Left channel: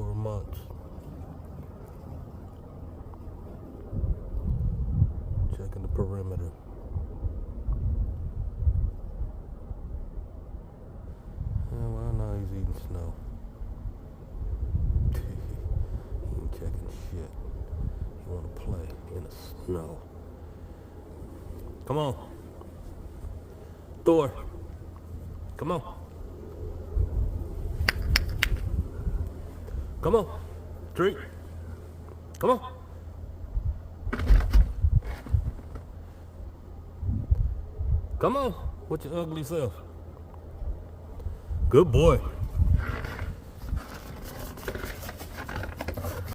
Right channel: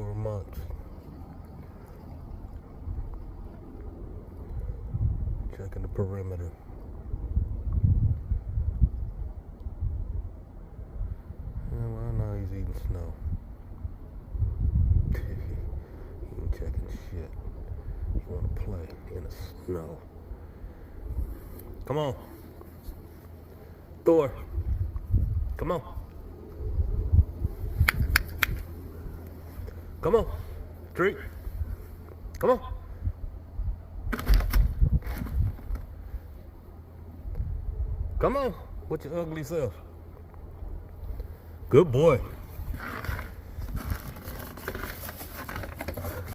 for a month. Checking the perimeter. Well, now he's eating snow. He ain't checking shit. He wanna play in the snow. Come on. Thor. Come on. Come on. Drake. Come on. Come on. With your ugly self. Good boy.